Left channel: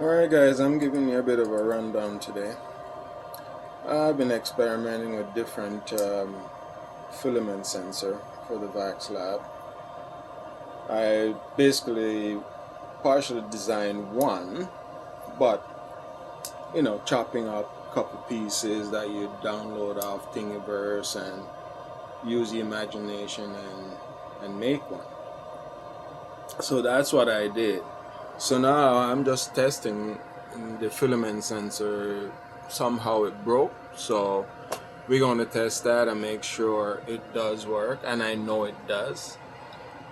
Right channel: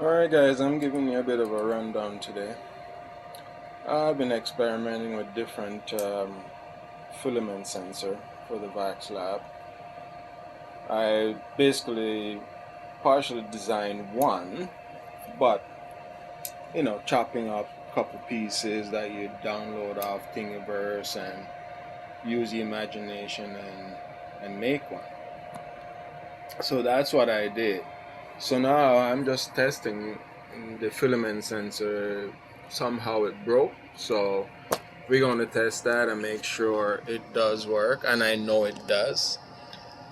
Alright guys, I'm giving you a bit of a rundown today. I've been experimenting with different filament sensor for the Voxelab. I basically partially designed one, but chopping up a couple pieces that you download off Thingiverse and use the imagination and make one. So that's what I did. So now I'm just testing the filament sensor. Somehow it broke, so we're going to test that and make sure it does work, and I know it does.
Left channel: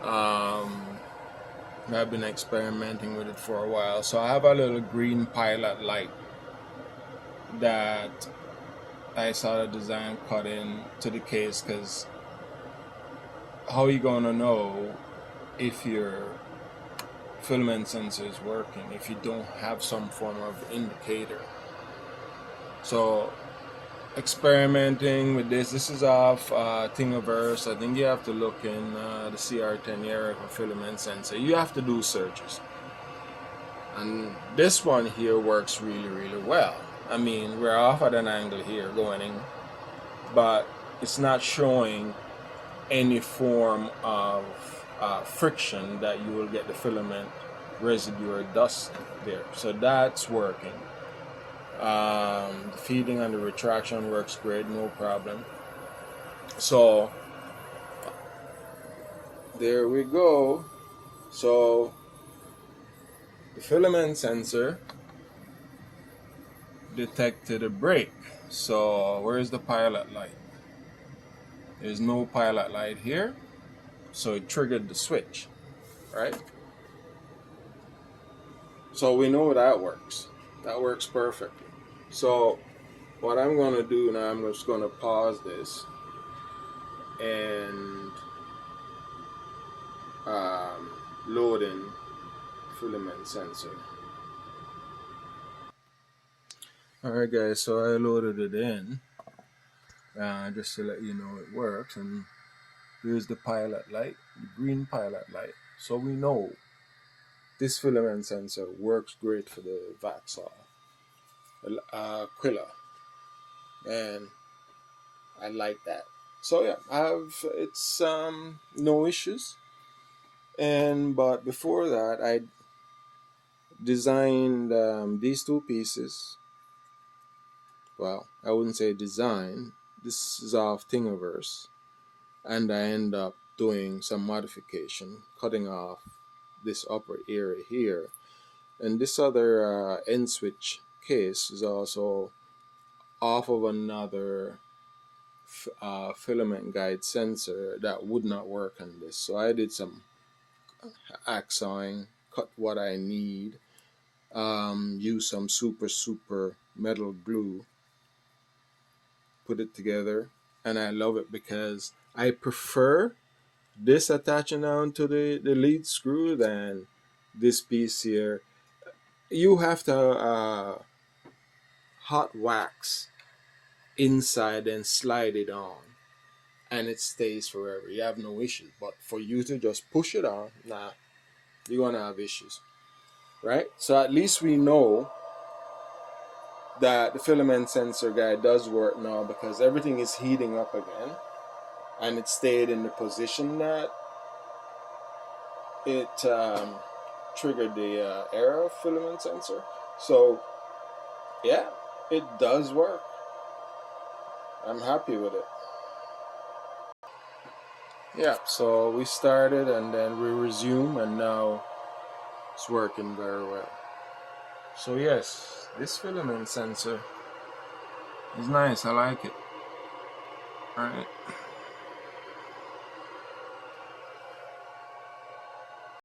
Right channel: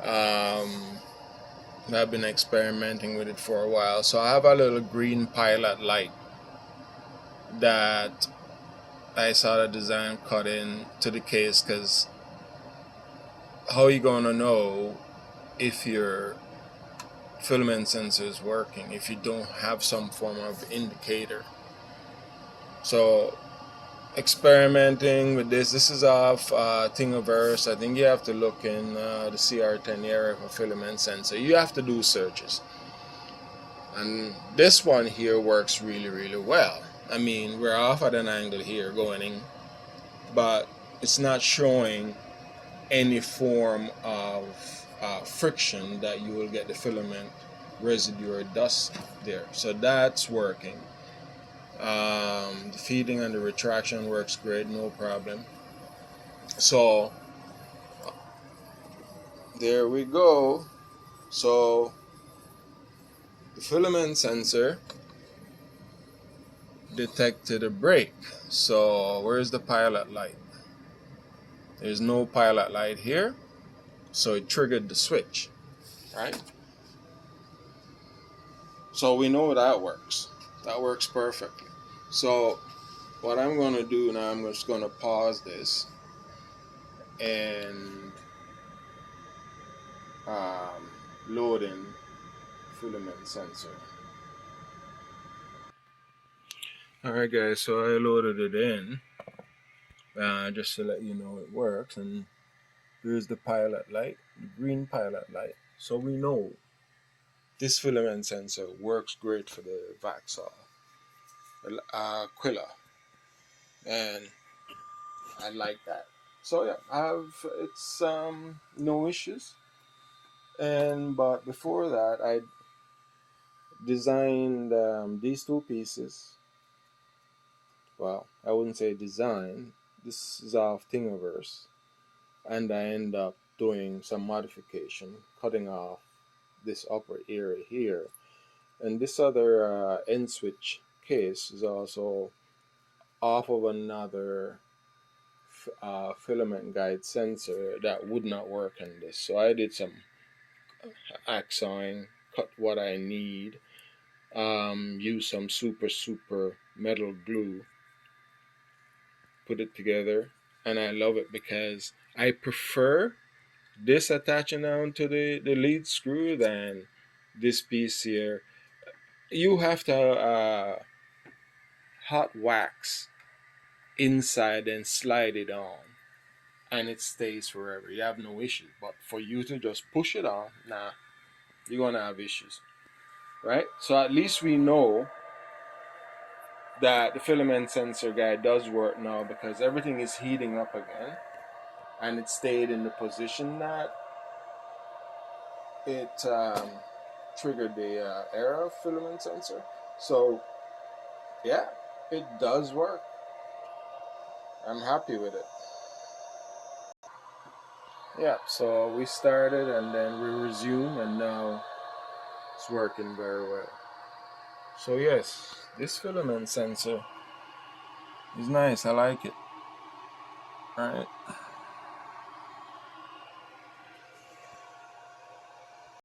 I've been experimenting with it for a while. So I have a little green pilot light that I saw the design cut in to the case, because how are you going to know if your filament sensor is working if you don't have some form of indicator? So experimenting with this is off Thingiverse. I think you have to look in the CR10 area for filament sensor. You have to do searches, and this one here works really well. I mean, we're off at an angle here going in, but it's not showing any form of friction that you will get the filament residue or dust there. So that's working. The feeding and the retraction works great, no problem. So there we go. So the filament sensor detected a break. So where's the pilot light? There's no pilot light here, so it triggered the switch, right? So we know that works. That works perfectly. So what I'm going to do now, I'm just going to pause this and load in filament sensor. Alright guys, so I loaded it in just to let you know it works, and here's the pilot light, the green pilot light. So we know this filament sensor works great for the Voxelab Aquilà, and I like that. So yeah, it's no issues. But before that, I designed these two pieces. Well, I wouldn't say design. This is off Thingiverse, and I end up doing some modification, cutting off this upper area here, and this other end switch case is also off of another filament guide sensor that would not work on this. So I did some axeing, cut what I need, use some super metal glue, put it together, and I love it because I prefer this attaching down to the lead screw than this piece here. You have to hot wax inside and slide it on, and it stays forever. You have no issues. But for you to just push it on, nah, you're gonna have issues, right? So at least we know that the filament sensor guide does work now, because everything is heating up again, and it stayed in the position that it triggered the error of filament sensor. So yeah, it does work. I'm happy with it. Yeah, so we started and then we resume, and now it's working very well. So yes, this filament sensor is nice. I like it. Alright.